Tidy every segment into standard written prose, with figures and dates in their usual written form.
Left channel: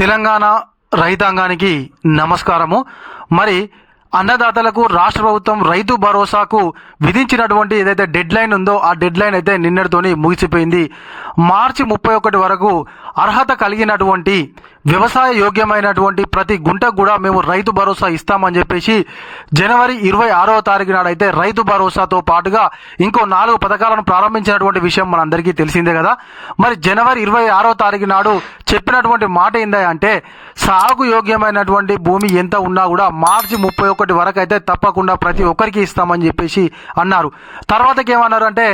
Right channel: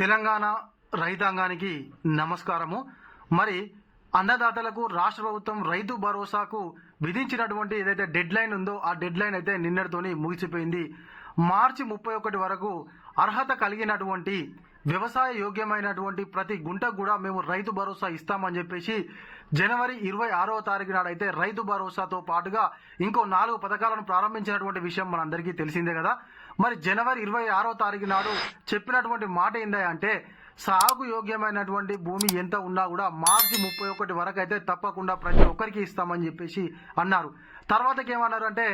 తెలంగాణ రైతాంగానికి నమస్కారము. మరి అన్నదాతలకు రాష్ట్ర ప్రభుత్వం రైతు భరోసాకు విధించినటువంటి ఏదైతే డెడ్ లైన్ ఉందో ఆ డెడ్ లైన్ అయితే నిన్నటితోని ముగిసిపోయింది. మార్చి 31 వరకు అర్హత కలిగినటువంటి వ్యవసాయ యోగ్యమైనటువంటి ప్రతి గుంటకు కూడా మేము రైతు భరోసా ఇస్తామని చెప్పేసి జనవరి 26వ తారీఖు నాడైతే రైతు భరోసాతో పాటుగా ఇంకో 4 పథకాలను ప్రారంభించినటువంటి విషయం మనందరికీ తెలిసిందే కదా. మరి జనవరి 26వ తారీఖు నాడు చెప్పినటువంటి మాట ఏందా అంటే సాగు యోగ్యమైనటువంటి భూమి ఎంత ఉన్నా కూడా మార్చి 31 వరకు అయితే తప్పకుండా ప్రతి ఒక్కరికి ఇస్తామని చెప్పేసి అన్నారు. తర్వాతకి ఏమన్నారు అంటే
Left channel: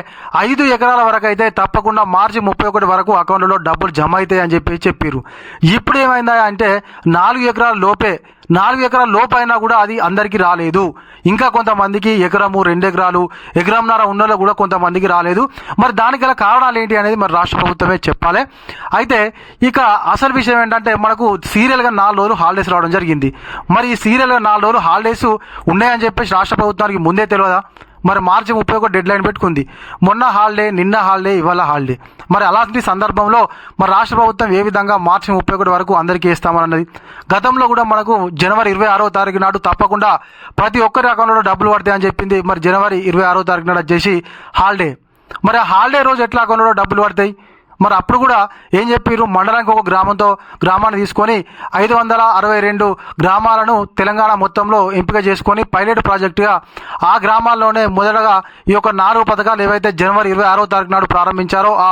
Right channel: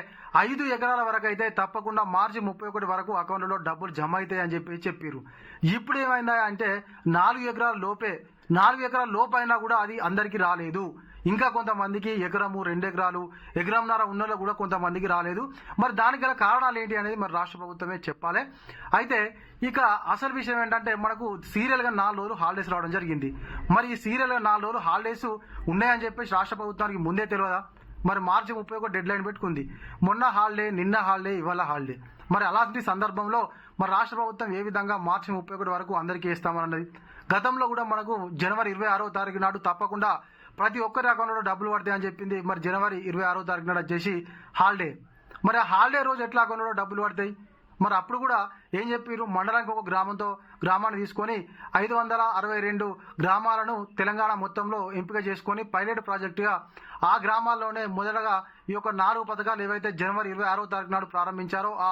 5 ఎకరాల వరకు అయితే తప్పకుండా మార్చి 31 వరకు అకౌంట్లో డబ్బులు జమ అవుతాయి అని చెప్పేసి చెప్పారు. ఇప్పుడు ఏమైందా అంటే 4 ఎకరాల లోపు అయినా కూడా అది అందరికీ రాలేదు. ఇంకా కొంతమందికి ఎకరము 2 ఎకరాలు ఎకరంన్నర ఉన్నలో కూడా కొంతమందికి రాలేదు. మరి దానికి గల కారణాలు ఏంటి అనేది మరి రాష్ట్ర ప్రభుత్వమే చెప్పాలి. అయితే ఇక అసలు విషయం ఏంటంటే మనకు సీరియల్గా 4 రోజులు హాలిడేస్ రావడం జరిగింది. మరి ఈ సీరియల్గా 4 రోజులు హాలిడేస్ ఉన్నాయని చెప్పేసి రాష్ట్ర ప్రభుత్వానికి ముందే తెలియదా? మరి మార్చి 31 డెడ్ లైన్ పెట్టుకుంది. మొన్న హాలిడే, నిన్న హాలిడే, ఇవాళ హాలిడే. మరి అలాంటి సందర్భంలో మరి రాష్ట్ర ప్రభుత్వం ఏ విధంగా మార్చి 31 వరకు అందరికీ ఇస్తామన్నది. గతంలో కూడా మనకు జనవరి 26వ తారీఖు నాడు తప్పకుండా ప్రతి ఒక్కరి అకౌంట్లో డబ్బులు పడతాయని చెప్పింది. మరి జనవరి 26వ తారీఖు నాడు వచ్చేసి హాలిడే. మరి ఆ హాలిడే రోజు ఎట్లా అకౌంట్లో డబ్బులు పడతాయి? మరి అప్పుడు కూడా ఏం చెప్పారు, మండలానికి ఒక గ్రామాన్ని తీసుకొని 562 గ్రామాలను తెలంగాణ మొత్తంలో ఎంపిక చేసుకొని పైలట్ ప్రాజెక్టుగా ఆ గ్రామాల్లోనే మొదటగా ఈ యొక్క 4 పథకాలు ఏవైతే జనవరి 26వ తారీఖు నాడు ప్రారంభించారో ఆ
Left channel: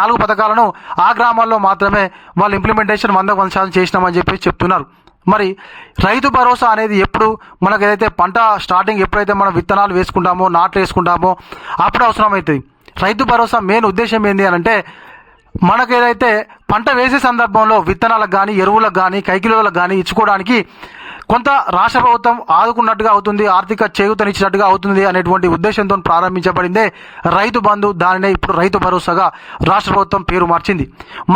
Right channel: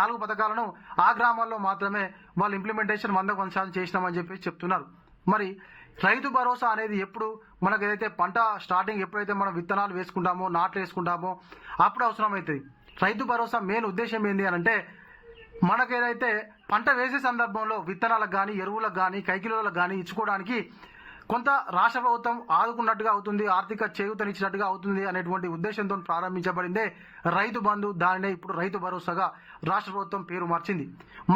4 పథకాలను ఆ గ్రామాల్లో మాత్రమే వాళ్ళు ఇంప్లిమెంటేషన్ 100% చేసినామని చెప్పి చెప్తున్నారు. మరి రైతు భరోసా అనేది ఎప్పుడు మనకు ఏదైతే పంట స్టార్టింగ్ ఎప్పుడైతే మనం విత్తనాలు వేసుకుంటామో, నాట్లు వేసుకుంటామో అప్పుడు అవసరమవుతుంది. రైతు భరోసా మెయిన్ ఉద్దేశం ఏంటి అని అంటే మనకు ఏదైతే పంట వేసే సందర్భంలో విత్తనాలకు కానీ, ఎరువులకు కానీ, కైకిలోలకు కానీ ఇచ్చుకోవడానికి కొంత రాష్ట్ర ప్రభుత్వం ఆదుకున్నట్టుగా అవుతుంది, ఆర్థిక చేయూతనిచ్చినట్టుగా అవుతుంది అనేటువంటి ఉద్దేశంతో ప్రారంభించబడిందే రైతు బంధు. దానినే ఇప్పుడు రైతు భరోసాగా రాష్ట్ర ప్రభుత్వం పేరు మార్చింది.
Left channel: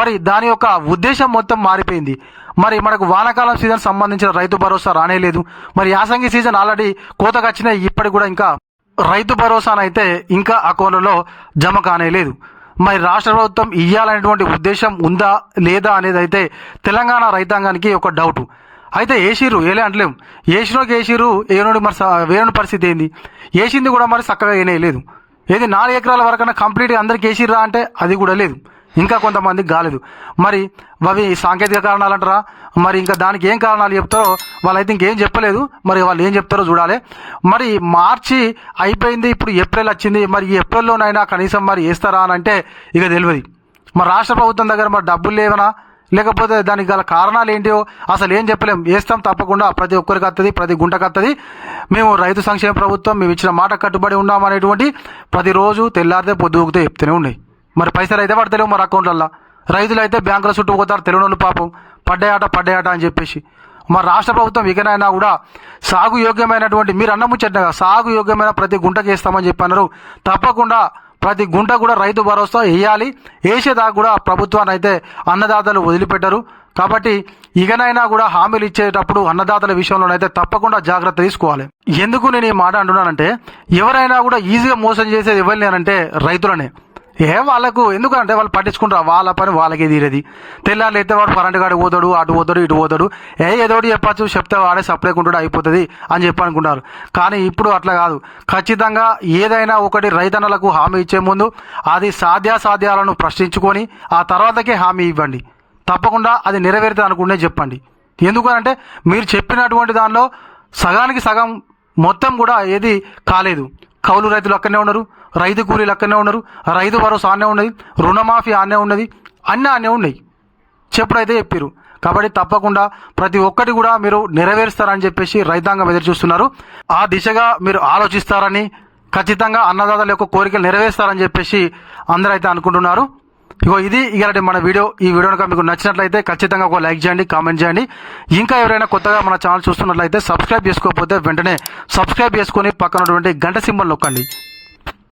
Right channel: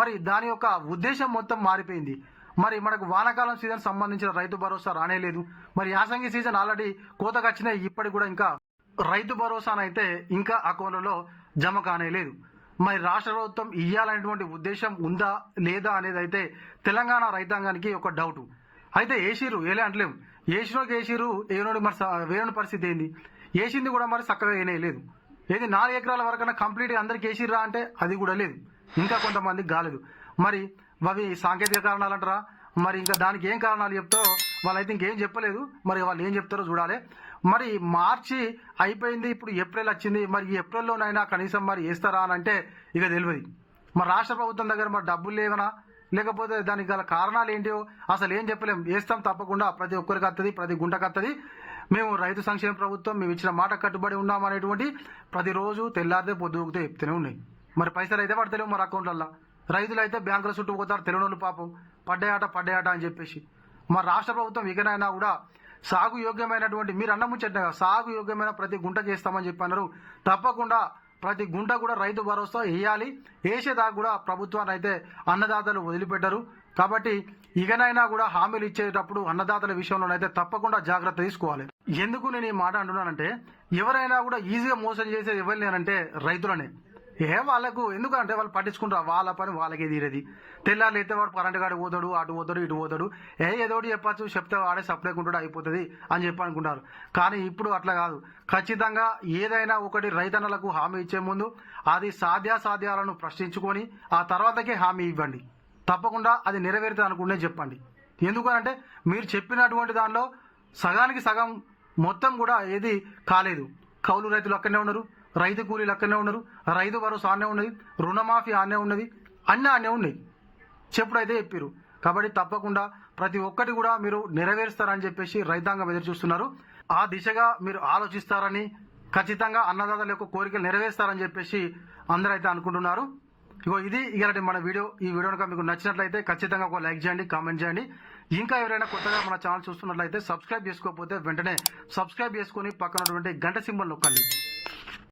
మరి దాని యొక్క ఉద్దేశం మొత్తం మారిపోయింది. మరి మనకు వానాకాలం సీజన్ సంబంధించిన రైతు భరోసా రానేలేదు. మరి యాసంగి సీజన్ ఆల్రెడీ కోతకు వచ్చినాయి, ఇప్పటికి కూడా ఇంకా రైతు భరోసానైతే ఇంకా అకౌంట్లలో జమ కానేలేదు. మరి రాష్ట్ర ప్రభుత్వం ఇవ్వాలనేటువంటి ఉద్దేశం ఉందా లేదా అనేది అయితే తెలంగాణ రైతాంగానికి ఒక డౌట్. అయితే ఏసిరు ఏలే అంటలేము, ఏసిరు ఏనుడి మరి వేరుని పరిస్థితి ఏంది? ఏసింది కూడా మరి చక్కగా ఏనేయలేదు. ఏది 4 ఎకరాల వరకన్నా కంప్లీట్గా అందరికి ఏసిర్రా అంటే అది కూడా లేదు, ఇంకా కొంతమందికి కాలేదు. మరి అవి సాంకేతిక కారణాలు అంటారా? మరి ఇంకా దానికి ఏం కారణాలు చెప్తారో వాళ్ళైతే ఇంకేం చెప్పలేదు. మరి వాళ్ళు ఏం చెప్తారో చూడాలి. మరి మార్చి అయిపోయింది, ఇప్పుడు ఏప్రిల్ వచ్చింది. మరి ఈ ఏప్రిల్లోనైనా కనీసం మరి వేస్తారా అని అంటే ఇక తెలియదు. మరి రాష్ట్ర ప్రభుత్వం దగ్గర మరి డబ్బులు లేవనా, లేకపోతే దానికి గల కారణాలు ఏంటో అసలు ఏం చెప్పలేం. వేస్తాం తప్పకుండా, ప్రతి ఒక్కరికి వస్తుంది, ప్రతి గుంటకు వస్తుంది. మేము రైతు సంక్షేమ ప్రభుత్వం, మేము ఇచ్చిన మాట కట్టుబడి ఉన్నామనేటువంటి ప్రతిరోజు తెల్లారితే పొద్దుగుతే చెప్తూనే ఉన్నాయి. మరి పైసలు అయితే పడతలేవు మరి అకౌంట్లల్లో. రైతులు అయితే బ్యాంకుల చుట్టూ పోతారు, తెలియనోళ్ళు పాపం పడ్డాయట అని చెప్పేసి. మరి రాష్ట్ర ప్రభుత్వం ఇకనైనా కూడా సాగు యోగ్యమైనటువంటి, మీరు అన్న ముచ్చటగా సాగు యోగ్యమైన ప్రతి గుంటకి వేస్తామని చెప్పన్నారు. తప్పకుండా ప్రతి గుంట కూడా రైతు భరోసా వేయాలి. వేసేదాకా కూడా ప్రభుత్వాన్ని అయితే అన్నదాతలు వదిలిపెట్టరు. కాబట్టి ఇకనైనా కూడా హామీలు ఇచ్చేటప్పుడు అన్నదాతల విషయంలోనైతే తప్పకుండా జాగ్రత్త తీసుకోవాలి. ఎందుకు నేను ఈ మాట అంటున్నానంటే ఎవరైనా కూడా ఈజీగా మోసం చేసేది ఎవరిని అంటే రైతులనే. వాళ్ళకు ఎందుకంటే వాళ్ళు పట్టించుకుంటారు, వాళ్ళ పని వాళ్ళకే తీరేది. తెల్లారు అయితే వాడు కరెంటు కాడికి పోతాడు, అటు పోతాడు, ఇటు పోతాడు. ఏదోటి చెప్పచ్చు, చెప్తే వాడే సప్లైకుంటాడు, అయిపోతుంది అని చెప్పి అనుకుంటారు. కానీ ఇప్పుడు అట్లా కాదు. ఖచ్చితంగా ఏదైనా ఒకటి రైతన్నలకు హామీ ఇచ్చే ముందు అది సాధ్యాసాధ్యాలను ప్రశ్నించుకొని ఆ తర్వాతకే హామీ ఇవ్వండి. తప్పకుండా అది నెరవేరుతుంది అనుకుంటే చెప్పండి. ఎందుకనంటే మీరు చెప్పినటువంటి దానిలో సగానికి సగం మొత్తం కూడా ఏది కాలేదు. కౌలు రైతులు అక్కడనే ఉన్నారు, రైతు కూలీలు అక్కడనే ఉన్నారు, రైతు భరోసా ఆనే ఉన్నది, రుణమాఫీ ఆనే ఉన్నది, అన్నీ ఆనే ఉన్నాయి. చెప్పుడైతే చెప్పారు. కాబట్టి తప్పకుండా ప్రతి ఒక్కటి కూడా మీరు నెరవేరుస్తారని చెప్పేసి రైతాంగం ఎదురు చూస్తున్నారు. ఆ దిశగా మీరు ఆలోచిస్తారని, ఖచ్చితంగా అన్నదాతల యొక్క కోరికలు నెరవేరుస్తారని చెప్పేసి అందరూ అయితే అనుకుంటున్నారు. ఇది ఇలాంటి మన వీడియో. ఈ వీడియో కనుక మీకు నచ్చినట్లయితే ఖచ్చితంగా ఒక లైక్ చేయండి, కామెంట్ చేయండి. ఇంకా ఎవరైనా కొత్తగా మన ఛానల్ చూస్తున్నట్లయితే సబ్స్క్రైబ్ చేసుకోకపోతే వెంటనే సబ్స్క్రైబ్ చేసుకొని పక్కనటువంటి గంట సింబల్ నొక్కండి.